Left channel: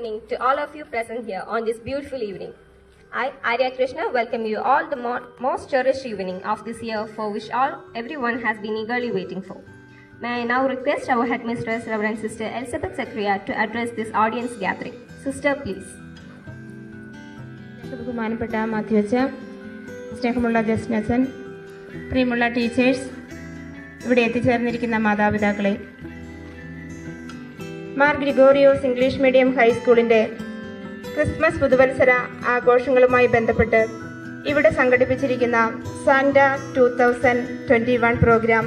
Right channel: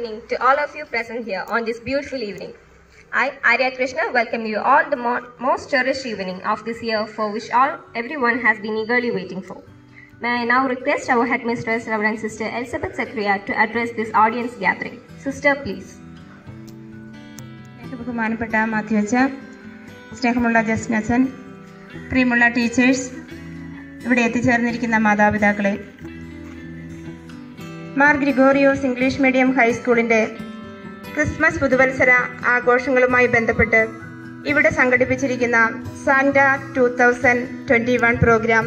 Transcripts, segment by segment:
evening to all of you present here on this beautiful evening. I, Arya Krishna, welcome you all the most cherished evening of this year for which everyone has been eagerly waiting for. May I now request our headmistress, Reverend Sister Elizabeth Zachariah, to address this audience gathering. Sister, please. ബഹുമാനപ്പെട്ട മാത്യു അച്ഛൻ, സ്നേഹമുള്ള Justin അച്ഛൻ, പ്രിയമുള്ള teachers, ഇവിടെ എത്തിച്ചേർന്നിരിക്കുന്ന മാതാപിതാക്കളെ, Mar Gregorios English medium ഹൈസ്കൂളിൻ്റെ Christmas പുതുവത്സര ആഘോഷങ്ങളുമായി ബന്ധപ്പെട്ട് ഇവിടെ സംഘടിപ്പിച്ചിരിക്കുന്ന സാന്റ 2021 പ്രോഗ്രാം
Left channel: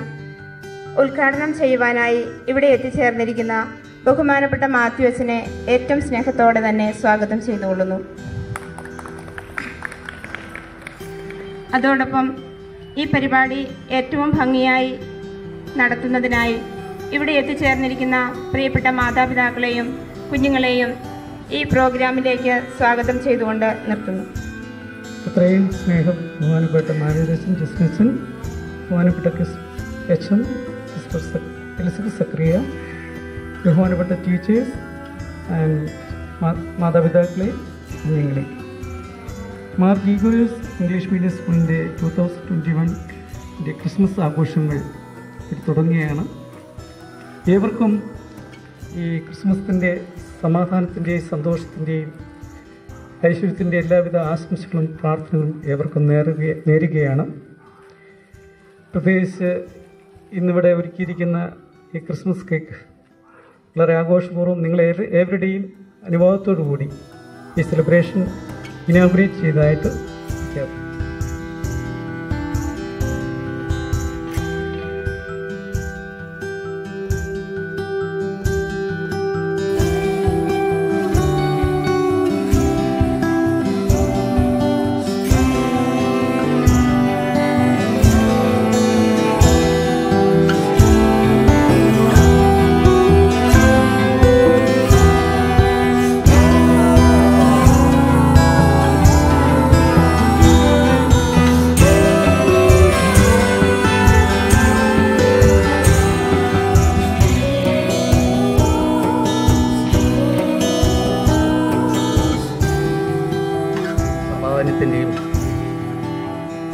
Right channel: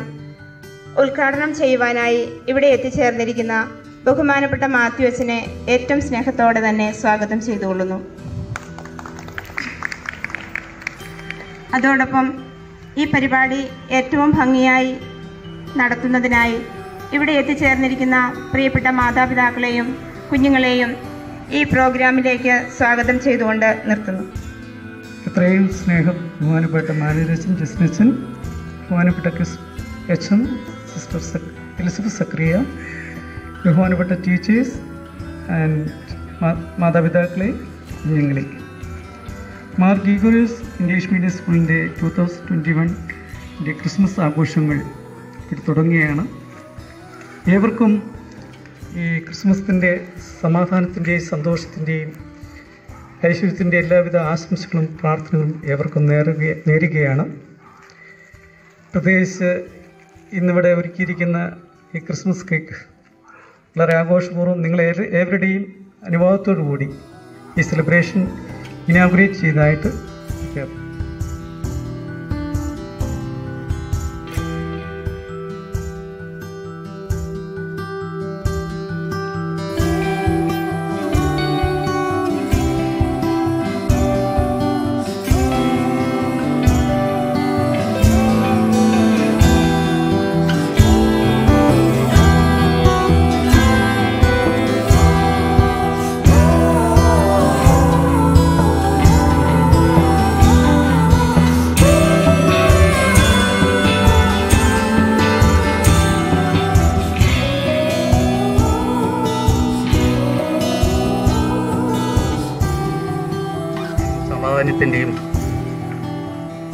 ഉദ്ഘാടനം ചെയ്യുവാനായി ഇവിടെ എത്തിച്ചേർന്നിരിക്കുന്ന ബഹുമാനപ്പെട്ട മാത്യു അച്ഛനെ ഏറ്റവും സ്നേഹത്തോടെ തന്നെ സ്വാഗതം ചെയ്തുകൊള്ളുന്നു. അതോടൊപ്പം ഈ പരിപാടി ഏറ്റവും ഭംഗിയായി നടത്തുന്നതിനായി ഇവിടെ എത്തിച്ചേർന്നിരിക്കുന്ന പ്രിയപ്പെട്ട മാതാപിതാക്കളെയും കുഞ്ഞുങ്ങളെയും ഈ പ്രോഗ്രാമിലേക്ക് സ്വാഗതം ചെയ്തുകൊണ്ട് നിർത്തുന്നു. ഇത്രയും സ്നേഹം ബഹുമാനപ്പെട്ട മാനേജൻ ജസ്നച്ചൻ, ബഹുമാനപ്പെട്ട അച്ഛൻ, സിസ്റ്റർ എലിസബത്ത് സക്രിയ, ബഹുമാനപ്പെട്ട ടീച്ചേഴ്സ് ആൻഡ് മാതാപിതാക്കളെ, കുഞ്ഞുങ്ങളെ, മാർ ഗ്രിഗോറിയോസ് ഇംഗ്ലീഷ് മീഡിയം സ്കൂളിൻ്റെ 2021 ക്രിസ്മസ് ആഘോഷങ്ങൾ തുടങ്ങുകയാണ്. ഏവർക്കും ഈ ക്രിസ്മസിൻ്റെ സമാധാനത്തിൻ്റെയും സന്തോഷത്തിൻ്റെയും ഐശ്വര്യത്തിൻ്റെ എല്ലാവിധ ആശംസകളും പ്രാർത്ഥനകളും ഏവർക്കും നേരുകയാണ്. പ്രത്യേകിച്ച് ഇന്നിവിടെ ഒരുക്കിയിരിക്കുന്ന ഈ ക്രിസ്മസ് കേക്ക് വളരെ ആഘോഷപൂർവ്വം നിങ്ങൾ ഏവരുടെയും അനുഭവത്തോടു കൂടി ഈ സെലിബ്രേഷൻ ഇനാഗുറേറ്റ് ചെയ്തതായിട്ട് പ്രഖ്യാപിക്കുന്നു.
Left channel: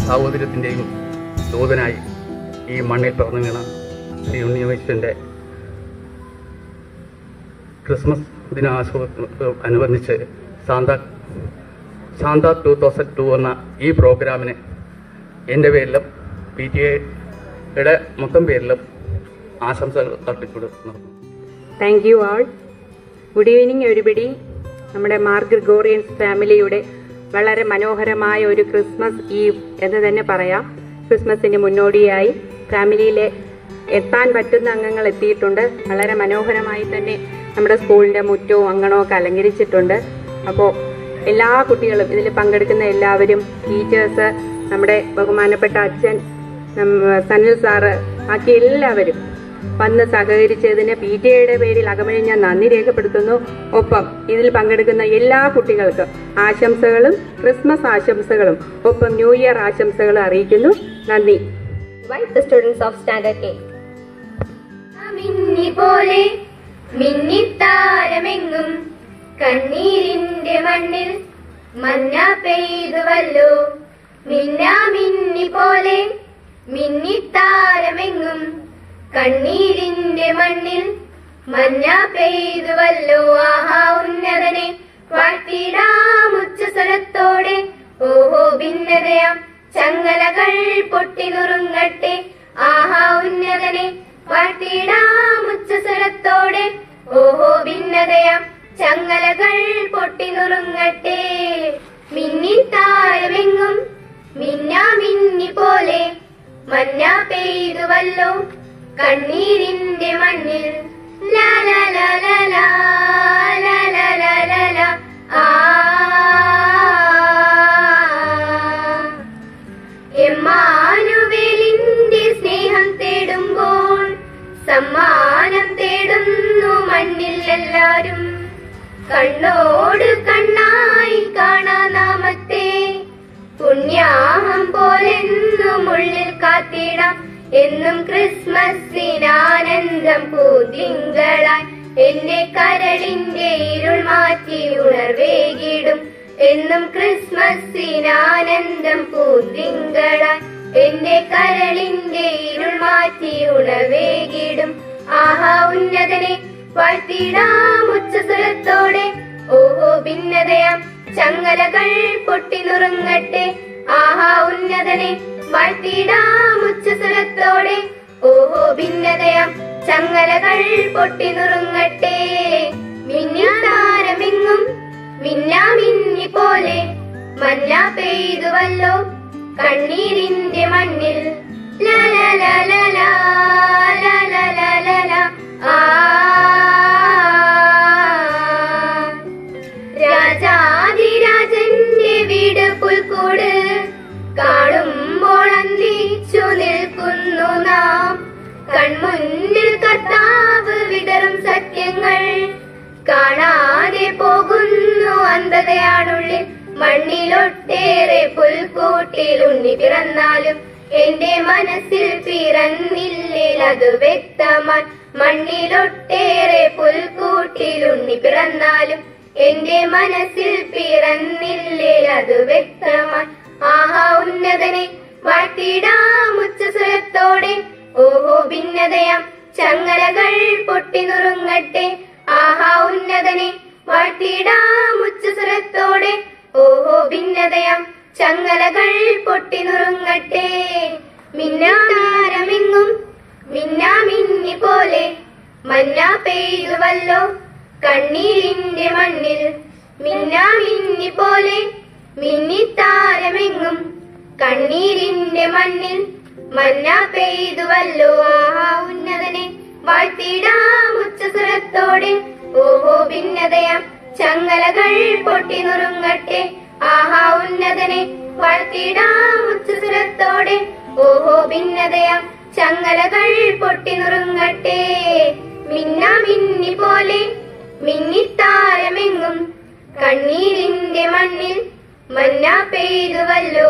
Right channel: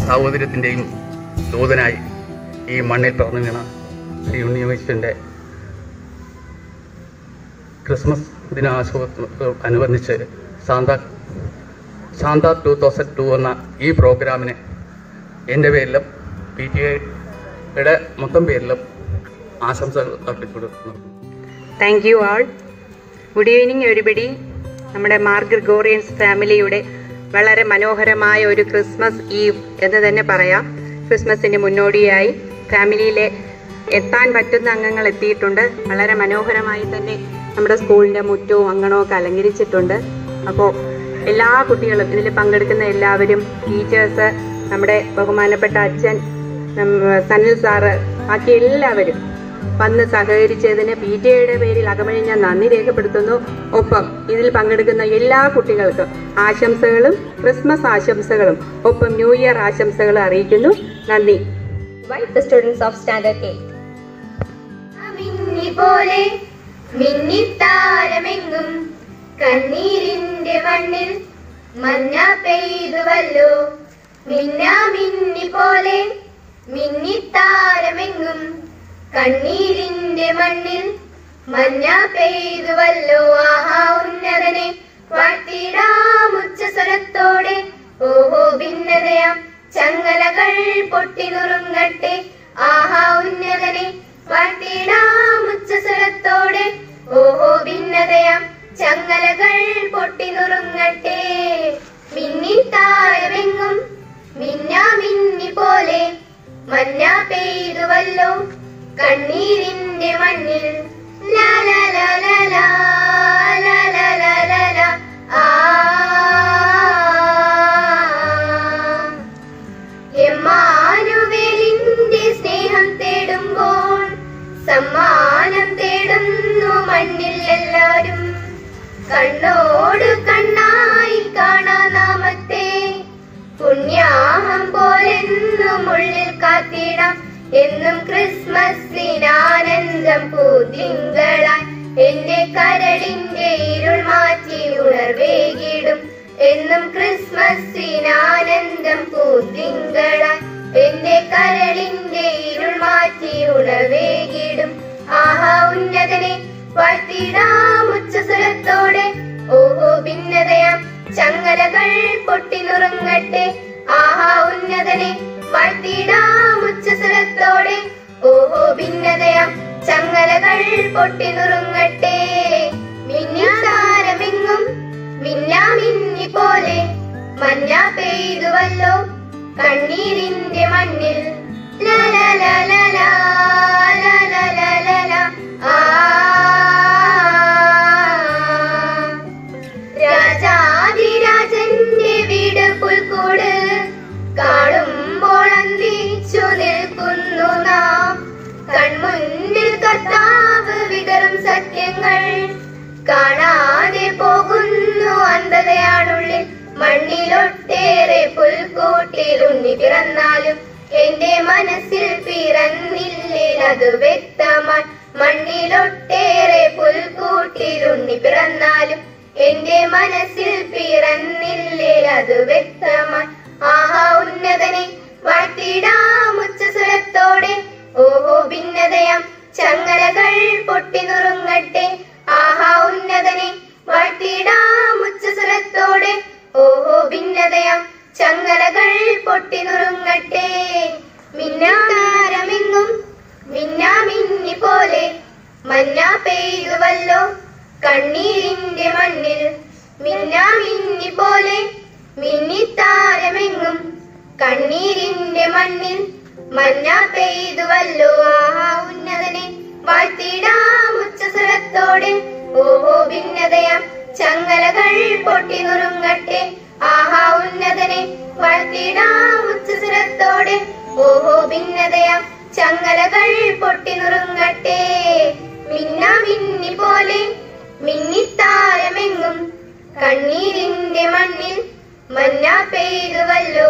സാഹോദര്യത്തിൻ്റെയും ദൂതനായി ഈ മണ്ണിൽ പിറന്നു വീണ ശ്രീ ഉണ്ണിയേശുവിൻ്റെ ക്രിസ്മസ് ദിനാഘോഷത്തോടനുബന്ധിച്ച് സാന്ത 2002 എന്ന ഈ പ്രോഗ്രാമിന് എൻ്റെ പേരിലും PTA മൊത്തം പേരിലും ആശംസകൾ അർപ്പിക്കുന്നു. Thank you all. Good evening everybody. നമ്മുടെ മാർ ഗ്രിഗോറിയൻസ് ഫാമിലിയുടെ വളരെ മനോഹരമായ ഒരു ക്രിസ്മസ് ഈവ് എന്ന് തന്നെ പറയാം. ക്രിസ്മസിന് മുന്നോടിയായി ഫാമിലിയിലെ എത്താൻ പറ്റുന്ന അംഗങ്ങൾ എത്തിയിട്ടുണ്ട്. വളരെ മനോഹരമായി തന്നെ നമ്മുടെ സ്കൂളിൻ്റെ മുറ്റവും അങ്കണവും ഒക്കെ അലങ്കരിച്ചിട്ടുണ്ട്. അപ്പോൾ എല്ലാ കുട്ടികളും ഇതിൽ പങ്കെടുക്കുന്ന എല്ലാവരും, ടീച്ചേഴ്സ്, നമ്മുടെ ബഹുമാനപ്പെട്ട അച്ഛൻ, സനിൽ സാറ്, ബാക്കി എല്ലാവരും വന്ന് സഹകരിച്ചതിന് PTA പേരിൽ അകമഴിഞ്ഞ നന്ദി രേഖപ്പെടുത്തുന്നു. ഒപ്പം ഇതിൽ പങ്കെടുക്കുന്ന എല്ലാ കുട്ടികൾക്കും ആശംസകളും, ക്രിസ്മസ് ആശംസകളും, ഒപ്പം ന്യൂ ഇയർ ആശംസകളും അറിയിക്കുന്നു. നന്ദി. Invite the students of Standard 8. മിന്നിപോലെ മിന്നിത്താരമെങ്ങും കണ്ണീരിന്റെ മണ്ണിൽ മഞ്ഞ പെയ്തുവല്ലോ. മിന്നി പോലെ മിന്നിത്താരമെങ്ങും കണ്ണീരിന്റെ മണ്ണിൽ മഞ്ഞ പെയ്തുവല്ലോ. ആഹാ ഉന്നതനെ വാഴ്ത്തിടാം ഉച്ചസ്വരത്തോടെ. ഓഹോ ഭിന്നതയാം ചങ്ങലകൾ പൊട്ടിനുറുങ്ങട്ടെ. ആഹാ ഉന്നതനെ വാഴ്ത്തിടാം ഉച്ചസ്വരത്തോടെ. ഓഹോ ഭിന്നതയാം ചങ്ങലകൾ പൊട്ടിനുറുങ്ങട്ടെ. മിന്നിത്താരമെങ്ങും മിന്നി പോലെ മഞ്ഞ പെയ്തുവല്ലോ കണ്ണീരിന്റെ മണ്ണിൽ. ലാ ലാ ലാ ലാ ലാ ലാ ലാ ലാ ലാ ലാ. എമ്മാനുവേലിന്റെ സ്നേഹം തേടുമ്പോൾ സമ്മാനം തേടുന്നു മണ്ണിൽ എല്ലാരും. കണ്ണോട് കണ്ണായി കാണാ നാമത്തെ പുണ്യാഹം പോലെന്നും ഉള്ളിൽ കാത്തിടാം. എന്നും ക്രിസ്മസിനാനന്ദം പൂതിങ്കളായി എന്റെ കരളിന്റെ ഇരുൾ മാറ്റി ഉണർവേകിടും എന്നും ക്രിസ്മസിനാനന്ദം പൂത്തിങ്കളായി എന്റെ കരളിന്റെ ഇരുൾ മാറ്റി ഉണർവേകിടും ആഹാ ഉന്നതനെ വാഴ്ത്തിടാം ഉച്ചസ്വരത്തോടെ ഓഹോ ഭിന്നതയാം ചങ്ങലകൾ പൊട്ടിനുറുങ്ങട്ടെ ആഹാ ഉന്നതനെ വാഴ്ത്തിടാം ഉച്ചസ്വരത്തോടെ ഓഹോ ഭിന്നതയാം ചങ്ങലകൾ പൊട്ടിനുറുങ്ങട്ടെ മിന്നാതാരമെങ്ങും മിന്നാമിന്നി പോലെ മഞ്ഞ പെയ്തുവല്ലോ കണ്ണീരിന്റെ മണ്ണിൽ രാജാതിരാജന്റെ വീട് പുൽക്കൂട് കാണുമ്പോൾ അന്തിച്ചു നിൽക്കുന്നു നാം കൺമുന്നിൽ കർത്താവ് വിതറും സത്യങ്ങൾ കാണാതെ പോകുന്നു അന്ധതയാണുള്ളിൽ മണ്ണിലൊട്ടേറെ പുൽക്കൂട്ടിൽ ഉണ്ണി പിറന്നാലും എന്റെ മനസ്സിൽ പിറന്നില്ലിൽ അത് വ്യക്തമായി മണ്ണിലൊട്ടേറെ പുൽക്കൂട്ടിൽ ഉണ്ണി പിറന്നാലും എന്റെ മനസ്സിൽ പിറന്നില്ലിൽ അത് വ്യക്തമായി ആഹാ ഉന്നതനെ വാഴ്ത്തിടാം ഉച്ചസ്വരത്തോടെ ഓഹോ ഭിന്നതയാം ചങ്ങലകൾ പൊട്ടിനുറുങ്ങട്ടെ ആഹാ ഉന്നതനെ വാഴ്ത്തിടാം ഉച്ചസ്വരത്തോടെ ഓഹോ ഭിന്നതയാം ചങ്ങലകൾ പൊട്ടിനുറുങ്ങട്ടെ മിന്നാതാരമെങ്ങും മിന്നാമിന്നി പോലെ മഞ്ഞ പെയ്തുവല്ലോ കണ്ണീരിന്റെ മണ്ണിൽ മിന്നാമിന്നി പോലെ മിന്നിത്താരമെങ്ങും കണ്ണീരിന്റെ മണ്ണിൽ മഞ്ഞ പെയ്തുവല്ലോ ആഹാ ഉന്നതനെ വാഴ്ത്തിടാം ഉച്ചസ്വരത്തോടെ ഓഹോ ഭിന്നതയാം ചങ്ങലകൾ പൊട്ടിനുറുങ്ങട്ടെ ആഹാ ഉന്നതനെ വാഴ്ത്തിടാം ഉച്ചസ്വരത്തോടെ ഓഹോ ഭിന്നതയാം ചങ്ങലകൾ പൊട്ടിനുറുങ്ങട്ടെ മിന്നാമിന്നി പോലെ മിന്നിത്താരമെങ്ങും കണ്ണീരിന്റെ മണ്ണിൽ മഞ്ഞ പെയ്തുവല്ലോ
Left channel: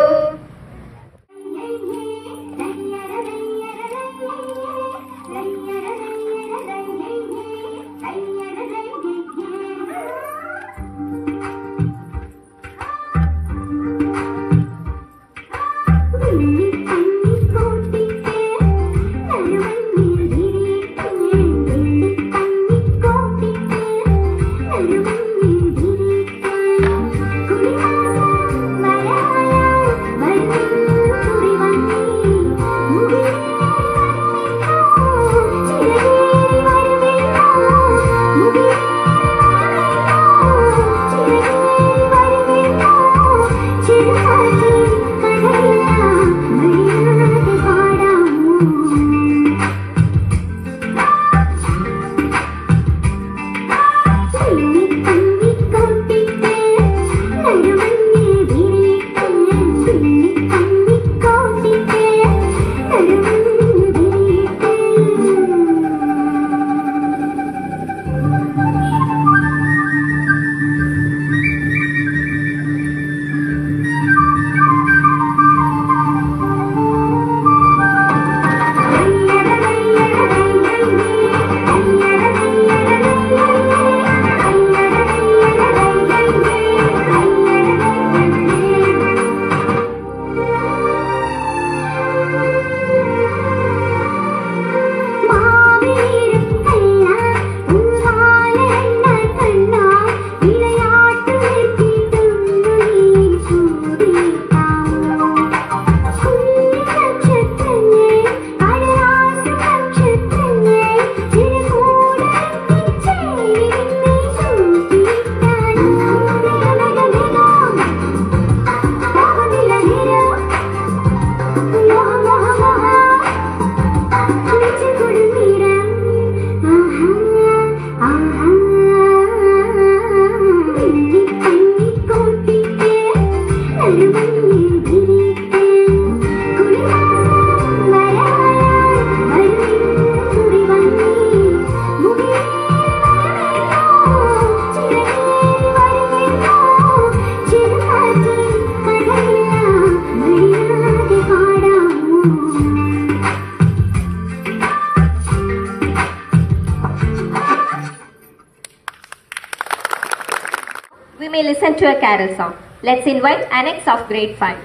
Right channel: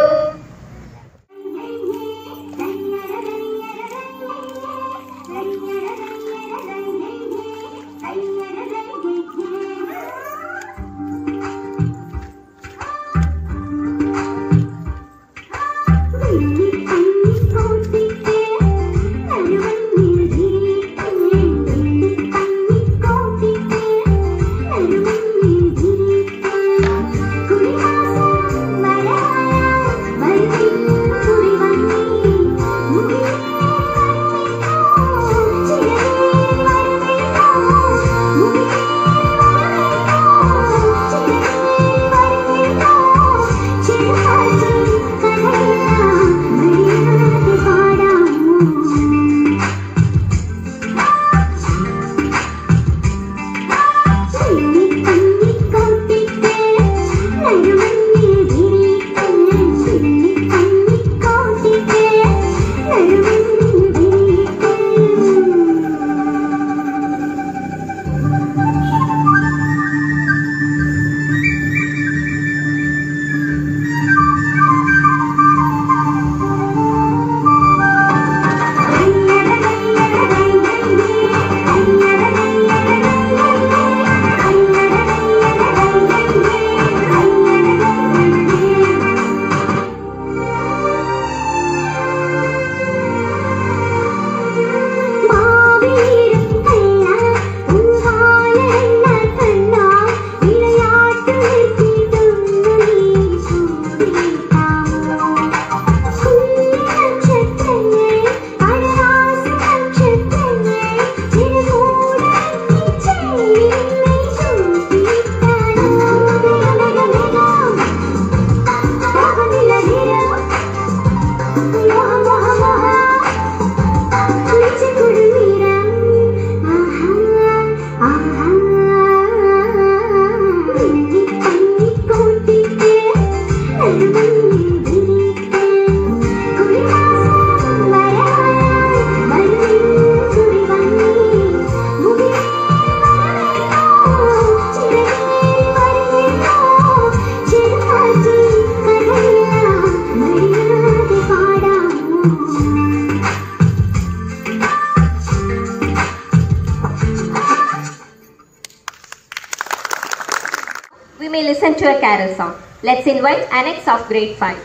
invite Annex of Grade 5.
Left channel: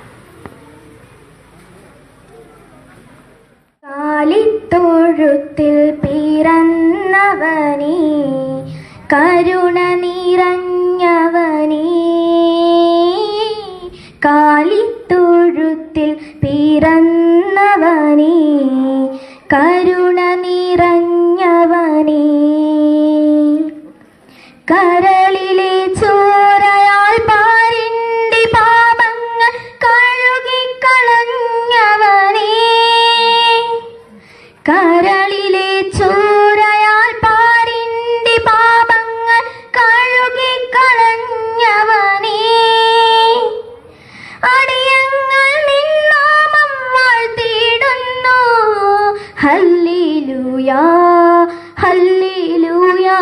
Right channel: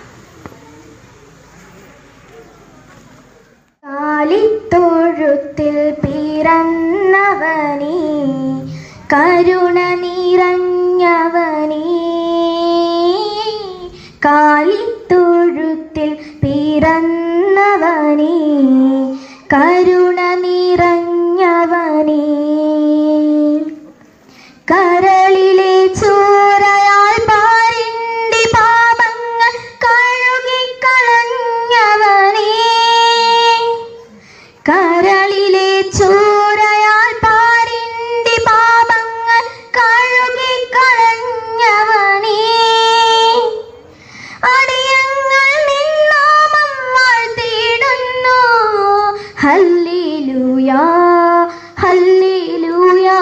കാലിത്തൊഴുത്തിൽ പിറന്നവനേ കരുണ നിറഞ്ഞവനേ കാലിത്തൊഴുത്തിൽ പിറന്നവനേ കരുണ നിറഞ്ഞവനേ കരളിലെ ചോരയാൽ പാരിന്റെ പാപങ്ങൾ കഴുകിക്കളഞ്ഞവനേ കരളിലെ ചോരയാൽ പാരിന്റെ പാപങ്ങൾ കഴുകിക്കളഞ്ഞവനേ അടിയങ്ങൾ നിന്നാമം വാഴ്ത്തിയിടുന്നു ഹല്ലേലൂയാ ഹല്ലേലൂയാ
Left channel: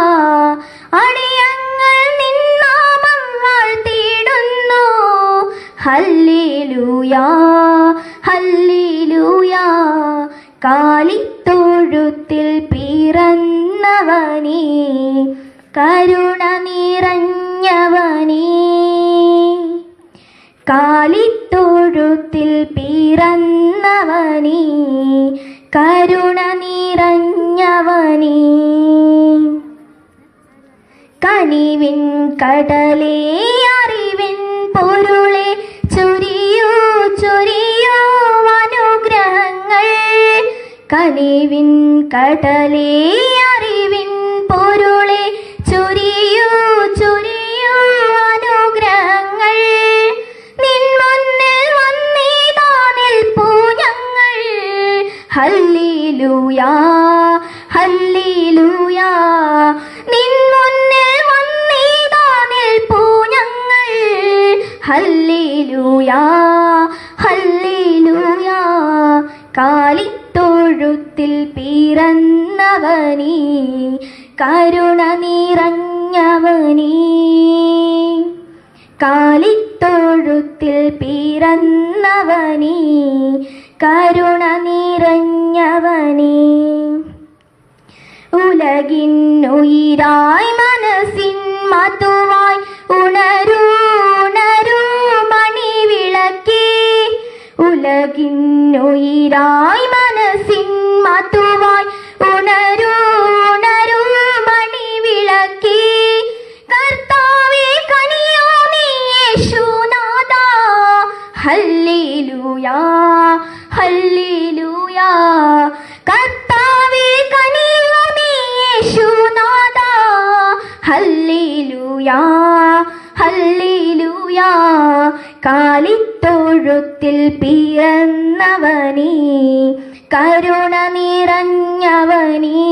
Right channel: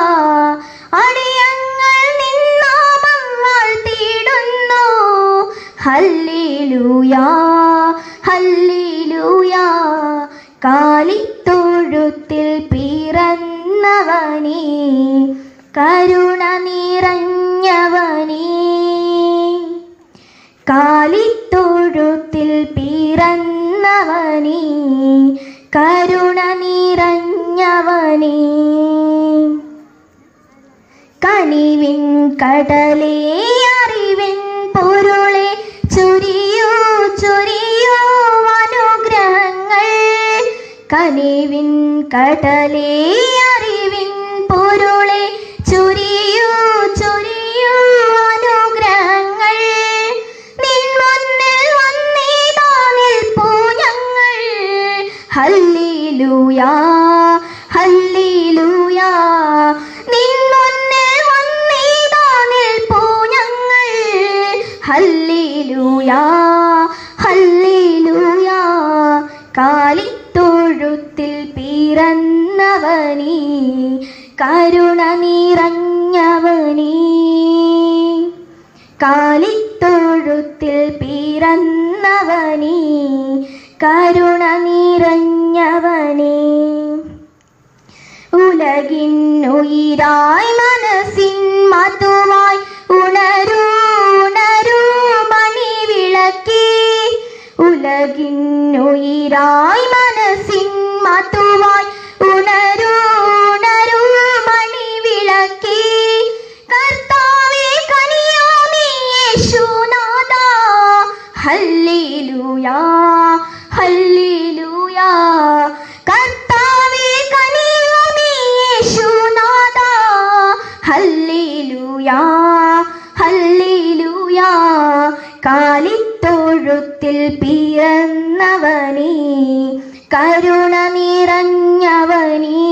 അടിയങ്ങൾ നിന്നാമം വാഴ്ത്തിയിടുന്നു ഹല്ലേലൂയാ ഹല്ലേലൂയാ കാലിത്തൊഴുത്തിൽ പിറന്നവനേ കരുണ നിറഞ്ഞവനേ കാലിത്തൊഴുത്തിൽ പിറന്നവനേ കരുണ നിറഞ്ഞവനേ കനിവിൻ കടലേ അറിവിൻ പൊരുളെ ചൊരിയൂ ചൊരിയൂ അനുഗ്രഹങ്ങൾ കനിവിൻ കടലേ അറിവിൻ പൊരുളെ ചൊരിയൂ ചൊരിയൂ അനുഗ്രഹങ്ങൾ നിൻ മുന്നിൽ വന്നിതാ നിൽപ്പൂ ഞങ്ങൾ ഹല്ലേലൂയാ ഹല്ലേലൂയാ നിൻ മുന്നിൽ വന്നിതാ നിൽപ്പൂ ഞങ്ങൾ ഹല്ലേലൂയാ ഹല്ലേലൂയാ കാലിത്തൊഴുത്തിൽ പിറന്നവനേ കരുണ നിറഞ്ഞവനേ കാലിത്തൊഴുത്തിൽ പിറന്നവനേ കരുണ നിറഞ്ഞവനേ ഉലകിന്നുയിരായി മനസ്സിൻ മധുവായി ഉണരൂ ഉണരൂ മണിവിളക്കേ ഉലകിന്നുയിരായി മനസ്സിൻ മധുവായി ഉണരൂ ഉണരൂ മണിവിളക്കേ കർത്താവേ കനിയോനേ യേശുനാഥാ ഹല്ലേലൂയാ ഹല്ലേലൂയാ കർത്താവേ കനിയോനേ യേശുനാഥാ ഹല്ലേലൂയാ ഹല്ലേലൂയാ കാലിത്തൊഴുത്തിൽ പിറന്നവനേ കരുണ നിറഞ്ഞവനേ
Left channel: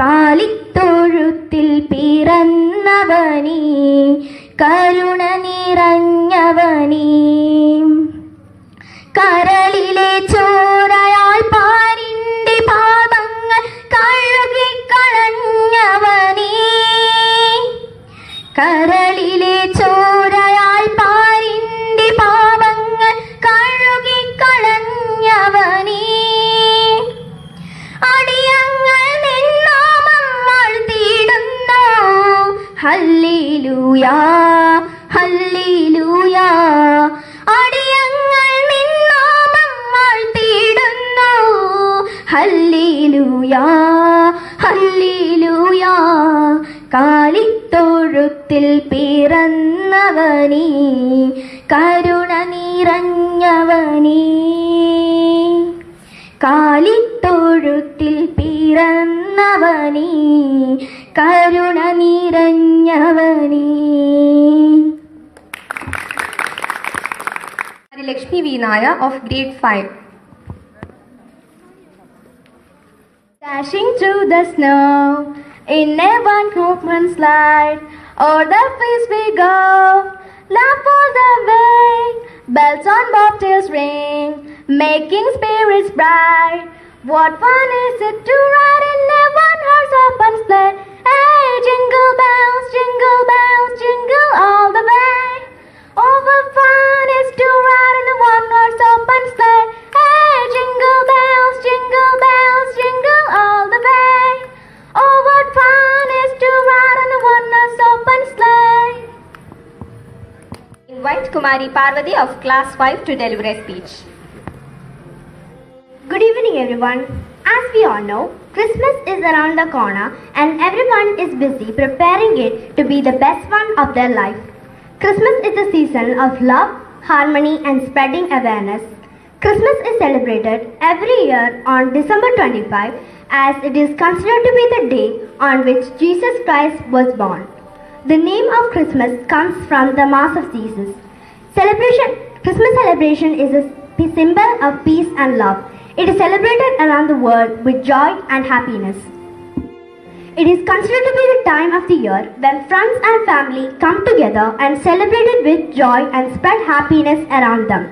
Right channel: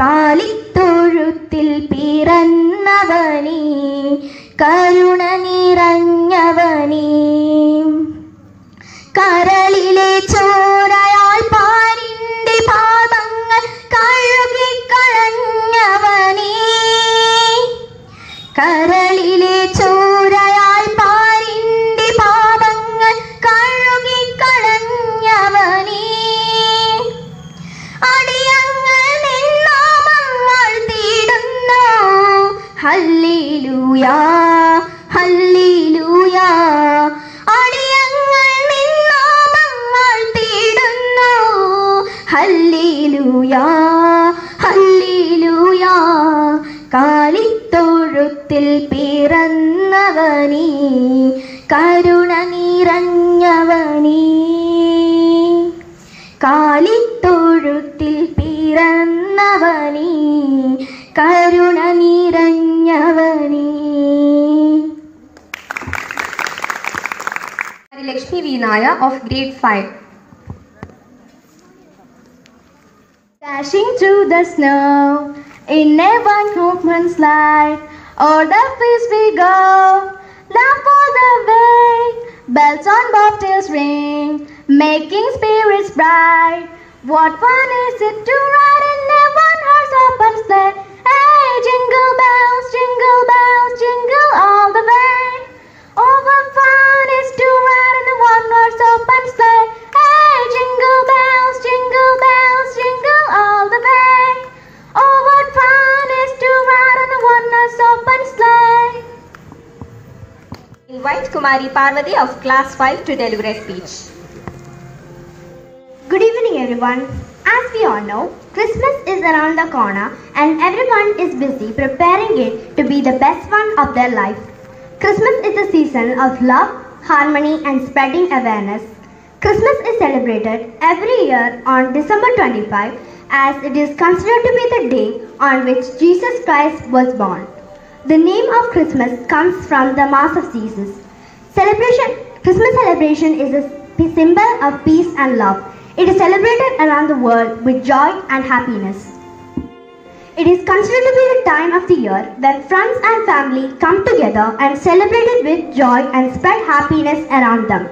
കാലിത്തൊഴുത്തിൽ പിറന്നവനേ കരുണ നിറഞ്ഞവനേ കരളിലെ ചോരയാൽ പാരിന്റെ പാപങ്ങൾ കഴുകിക്കളഞ്ഞവനേ കരളിലെ ചോരയാൽ പാരിന്റെ പാപങ്ങൾ കഴുകിക്കളഞ്ഞവനേ അടിയങ്ങൾ നിന്നാമം വാഴ്ത്തിയിടുന്നു ഹല്ലേലൂയാ ഹല്ലേലൂയാ അടിയങ്ങൾ നിന്നാമം വാഴ്ത്തിയിടുന്നു ഹല്ലേലൂയാ ഹല്ലേലൂയാ കാലിത്തൊഴുത്തിൽ പിറന്നവനേ കരുണ നിറഞ്ഞവനേ കാലിത്തൊഴുത്തിൽ പിറന്നവനേ കരുണ നിറഞ്ഞവനേ Lakshmi V. Naya of Grade 5. Dashing through the snow in a one movement slide, o'er the place we go, laugh all the way, bells on bobtails ring, making spirits bright. What fun is it to ride in a one-horse open sleigh? Hey, jingle bells, jingle all the way. Oh, what fun is to ride in a one-horse open sleigh? Hey, jingle bells, jingle all the way. Oh, what fun is to ride in a one-horse open sleigh? Invite Kumari Parvati of class 5 to deliver a speech. Good evening, everyone. As we all know, Christmas is around the corner and everyone is busy preparing it to be the best one of their life. Christmas is the season of love, harmony, and spreading awareness. Christmas is celebrated every year on December 25 as it is considered to be the day on which Jesus Christ was born. The name of Christmas comes from the Mass of Jesus. Christmas celebration is a symbol of peace and love. It is celebrated around the world with joy and happiness. It is considered to be the time of the year when friends and family come together and celebrate it with joy and spread happiness around them.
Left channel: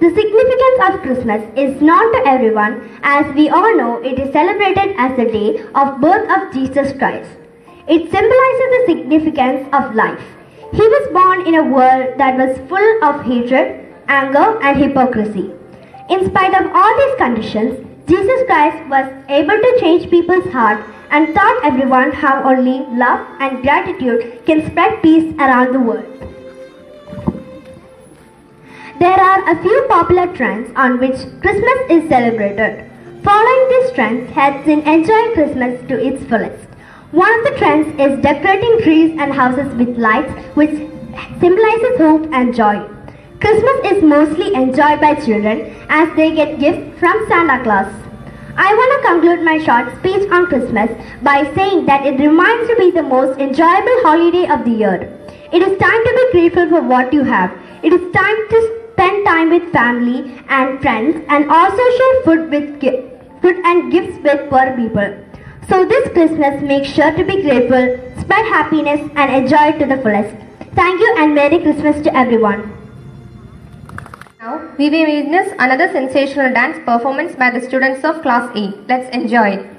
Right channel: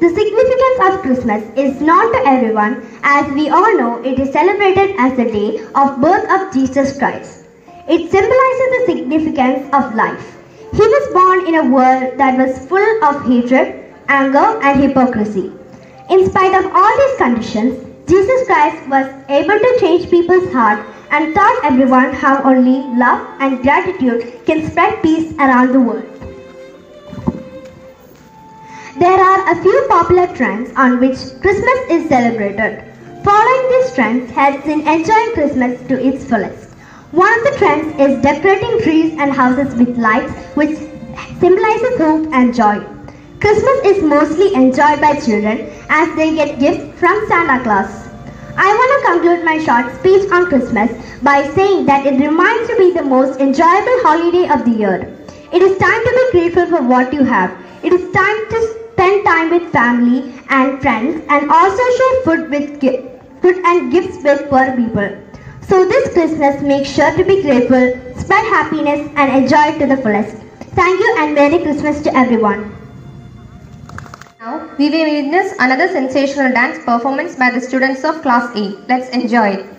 The significance of Christmas is known to everyone, as we all know it is celebrated as the day of birth of Jesus Christ. It symbolizes the significance of life. He was born in a world that was full of hatred, anger, and hypocrisy. In spite of all these conditions, Jesus Christ was able to change people's hearts and taught everyone how only love and gratitude can spread peace around the world. There are a few popular trends on which Christmas is celebrated. Following these trends helps in enjoying Christmas to its fullest. One of the trends is decorating trees and houses with lights, which symbolizes hope and joy. Christmas is mostly enjoyed by children as they get gifts from Santa Claus. I want to conclude my short speech on Christmas by saying that it reminds to be the most enjoyable holiday of the year. It is time to be grateful for what you have. It is time to spend time with family and friends and also share food and gifts with poor people. So this Christmas, make sure to be grateful, spread happiness and enjoy it to the fullest. Thank you and Merry Christmas to everyone. Now, we will witness another sensational dance performance by the students of class 8. Let's enjoy it.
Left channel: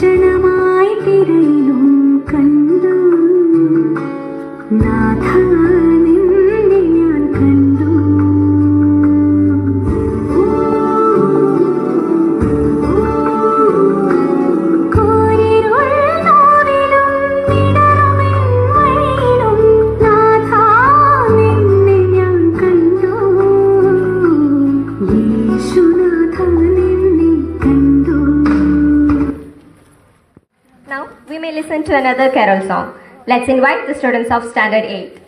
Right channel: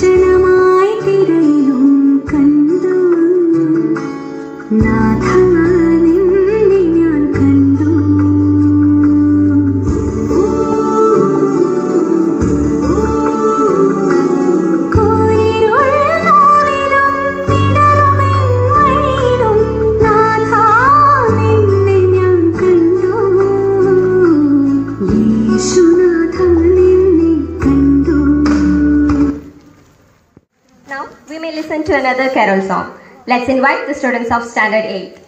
കാഞ്ചനമായി തിരയിലും കണ്ടു നാഥ നിന്നെ ഞാൻ കണ്ടു Now we may listen to another carol song. Let's invite the students of Standard 8.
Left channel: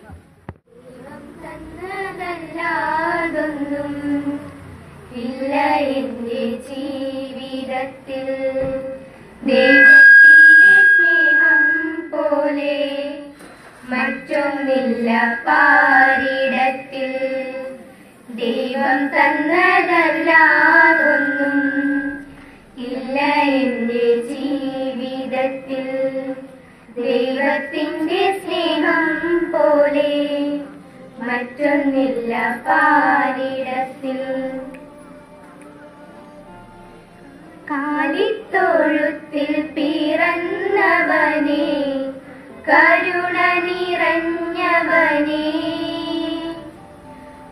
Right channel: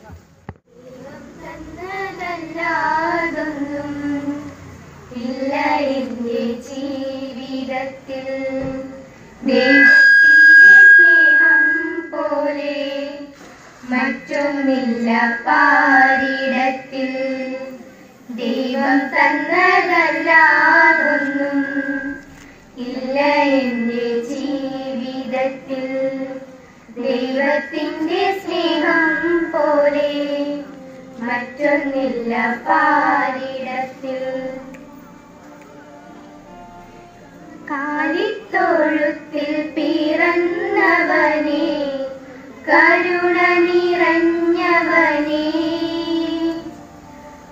ദൈവം തന്നതല്ലാതൊന്നും ഇല്ല എന്റെ ജീവിതത്തിൽ ദൈവത്തിന്റെ സ്നേഹം പോലെ മറ്റൊന്നില്ല പാരിടത്തിൽ കാലിത്തൊഴുത്തിൽ പിറന്നവനെ കരുണ നിറഞ്ഞവനെ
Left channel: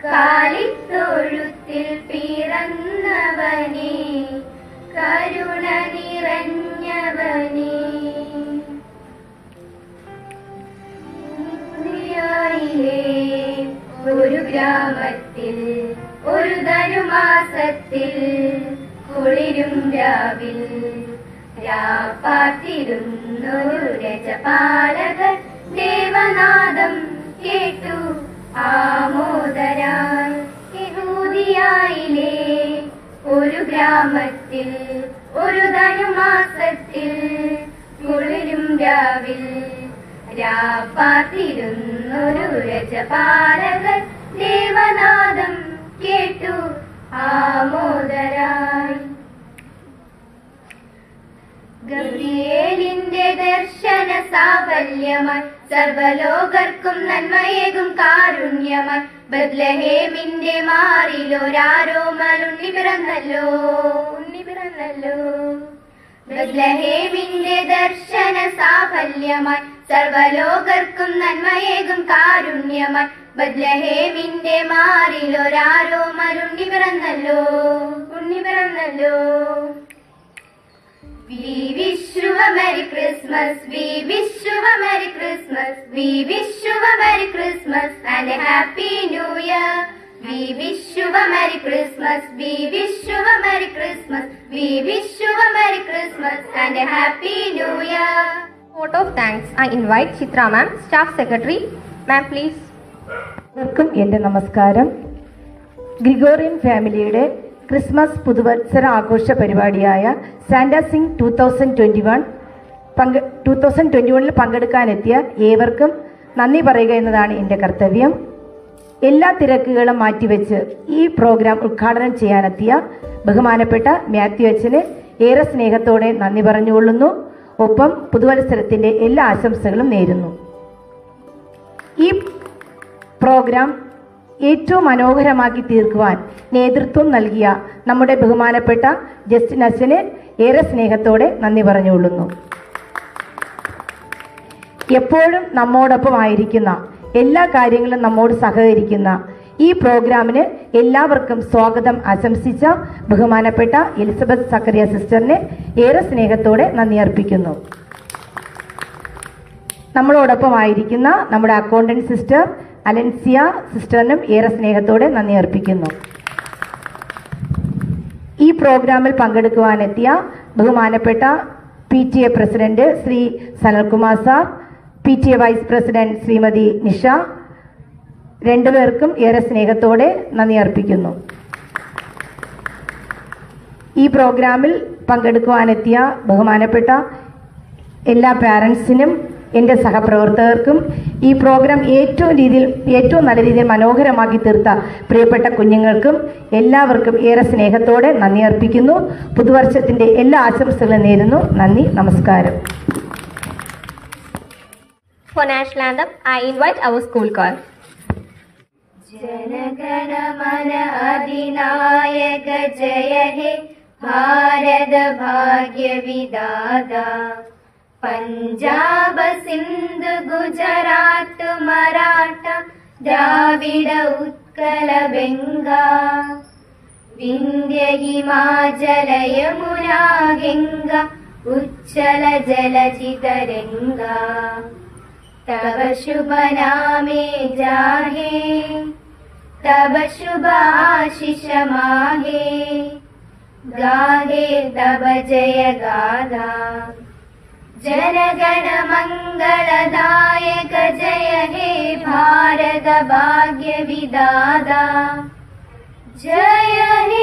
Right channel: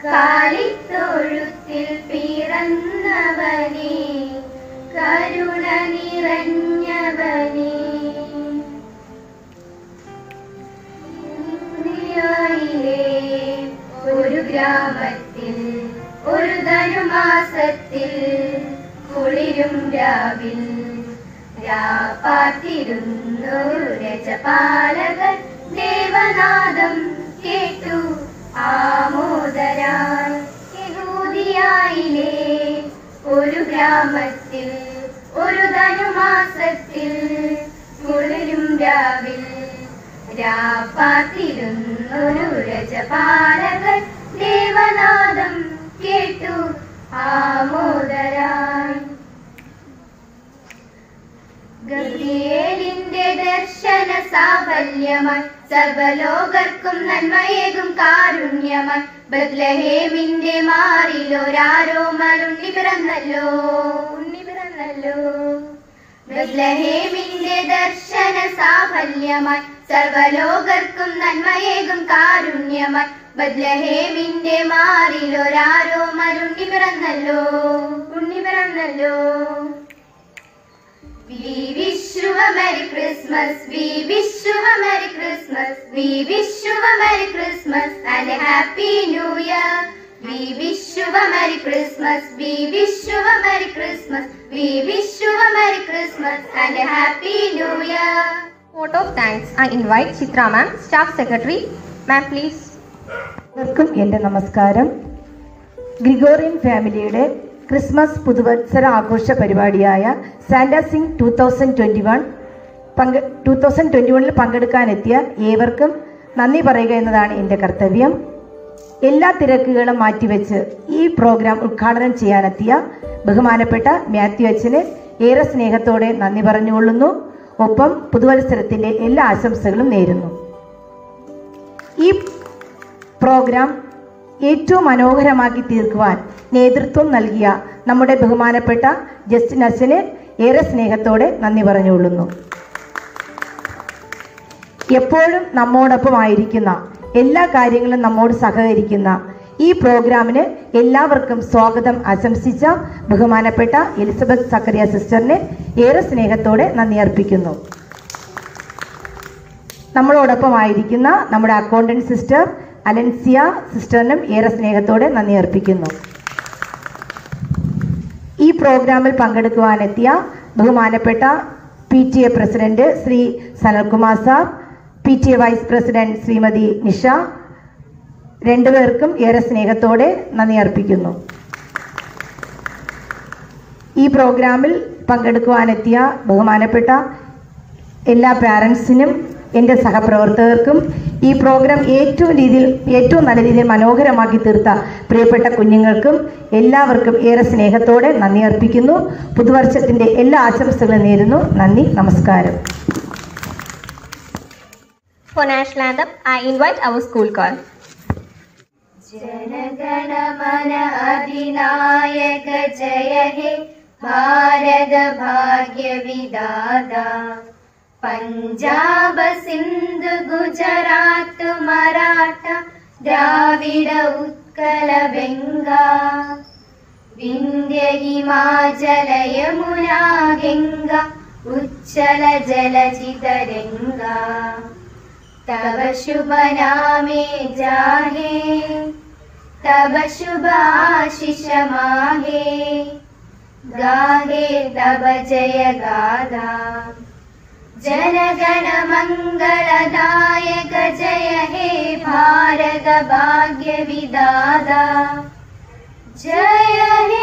കാലിത്തൊഴുത്തിൽ പിറന്നവനെ കരുണ നിറഞ്ഞവനെ ഒരു ഗ്രാമത്തിൽ ഒരു ധനുമാസത്തിൽ കുളിരും രാവിൽ രാപ്പാത്തിരുന്നൊരു രജപാലകൻ ദേവനാദം കേട്ടു ആമോദരായി യഹൂദിയായിലെ ഒരു ഗ്രാമത്തിൽ ഒരു ധനുമാസത്തിൽ കുളിരും രാവിൽ രാപ്പാത്തിരുന്നൊരു രജപാലകൻ ദേവനാദം കേട്ടു ആമോദരായി ഗബ്രിയേലിന്റെ ദർശന സാഫല്യമായി സർവലോകർക്കും നന്മയേകും കാരുണ്യമായി ബത്ലഹേമിന്റെ മാറിലൊരാരോമൽ ഉണ്ണി പിറന്നല്ലോ ബത്ലഹേമിന്റെ ദർശന സാഫല്യമായി സർവലോകർക്കും നന്മയേകും കാരുണ്യമായി ബത്ലഹേമിന്റെ മാറിലൊരാരോമൽ ഉണ്ണി പിറന്നല്ലോ We wish you a Merry Christmas, we wish you a Merry Christmas, we wish you a Merry Christmas and a Happy New Year. We wish you a Merry Christmas, we wish you a Merry Christmas, we wish you a Merry Christmas and a Happy New Year. Vote of thanks. I invite Chitra ma'am, Staff Secretary. Ma'am, please. എല്ലാവർക്കും എൻ്റെ നമസ്കാരം. Gregorian ഫാമിലിയുടെ Christmas പുതുവത്സര ആഘോഷ പരിപാടിയായ Santa Singh 2021 പങ്കെടുക്കാനെത്തിയ ഏവർക്കും നന്ദി പറയുക എന്നതാണ് എൻ്റെ കർത്തവ്യം. എല്ലാ തിരക്കുകളും മാറ്റിവെച്ച് ഈ പ്രോഗ്രാം ഉദ്ഘാടനം ചെയ്യാനെത്തിയ ബഹുമാനപ്പെട്ട മാത്യു അച്ഛന് ഏറെ സ്നേഹത്തോടെ നന്ദി പറഞ്ഞുകൊള്ളുന്നു. ഒപ്പം പുതുവത്സരത്തിൻ്റെ എല്ലാ ആശംസകളും നേരുന്നു. ഈ പ്രോഗ്രാം ഏറ്റവും മനോഹരമാക്കി തീർക്കുവാൻ നേതൃത്വം നൽകിയ നമ്മുടെ ബഹുമാനപ്പെട്ട ജസ്റ്റിൻ അച്ഛന് ഏറെ സ്നേഹത്തോടെ നന്ദി പറഞ്ഞുകൊള്ളുന്നു. എപ്പോഴും നമ്മോടൊപ്പമായിരിക്കുന്ന എല്ലാ കാര്യങ്ങളും നമ്മോട് സഹകരിക്കുന്ന ഈ പ്രോഗ്രാമിന് എല്ലാവർക്കും സ്വാഗതം ആശംസിച്ച ബഹുമാനപ്പെട്ട എലിസബത്ത് സക്കറിയ സിസ്റ്ററിനെ ഏറെ സ്നേഹത്തോടെ നന്ദി അർപ്പിക്കുന്നു. നമ്മളോടൊപ്പമായിരിക്കുന്ന നമ്മുടെ അക്കൗണ്ടന്റ് സിസ്റ്റർ അലൻസിയ സിസ്റ്ററിനും ഏറെ സ്നേഹത്തോടെ നന്ദി അർപ്പിക്കുന്നു. ഈ പ്രോഗ്രാമിൽ പങ്കെടുക്കുവാനെത്തിയ ബഹുമാനപ്പെട്ട PTA president Shri Sanalkumar sir, PTA vice president Shrimati Nisha, രണ്ടുപേർക്കും ഏറെ സ്നേഹത്തോടെ നന്ദി അർപ്പിക്കുന്നു. ഈ പ്രോഗ്രാമിൽ പങ്കെടുക്കുവാനെത്തിയ ബഹുമാനപ്പെട്ട എല്ലാ പാരൻസിനും എൻ്റെ സഹപ്രവർത്തകർക്കും ഈ പ്രോഗ്രാം ഏറ്റവും നല്ല രീതിയിൽ മനോഹരമാക്കി തീർത്ത പ്രിയപ്പെട്ട കുഞ്ഞുങ്ങൾക്കും എല്ലാവർക്കും ഏറെ സ്നേഹത്തോടെ നന്ദി അർപ്പിക്കുന്നു. പുതുവർഷത്തിൻ്റെ എല്ലാ ആശംസകളും നേരുന്നു. നന്ദി, നമസ്കാരം. For National Anthem, I invite our school choir. जनगण मन अधिनायक जय हे भारत भाग्य विदाता पंजाब सिंध गुजरात मराठा द्राविड उत्कल बेंगा विंध्य हिमाचल यमुना गंगा उच्चल जलधि तरंगा तब शुभ नामे जाहे तब शुभ आशीष माहे गाहे तब जय गाथा जनगण मंगलदायक जय हे भारत भाग्य विदाता जय हे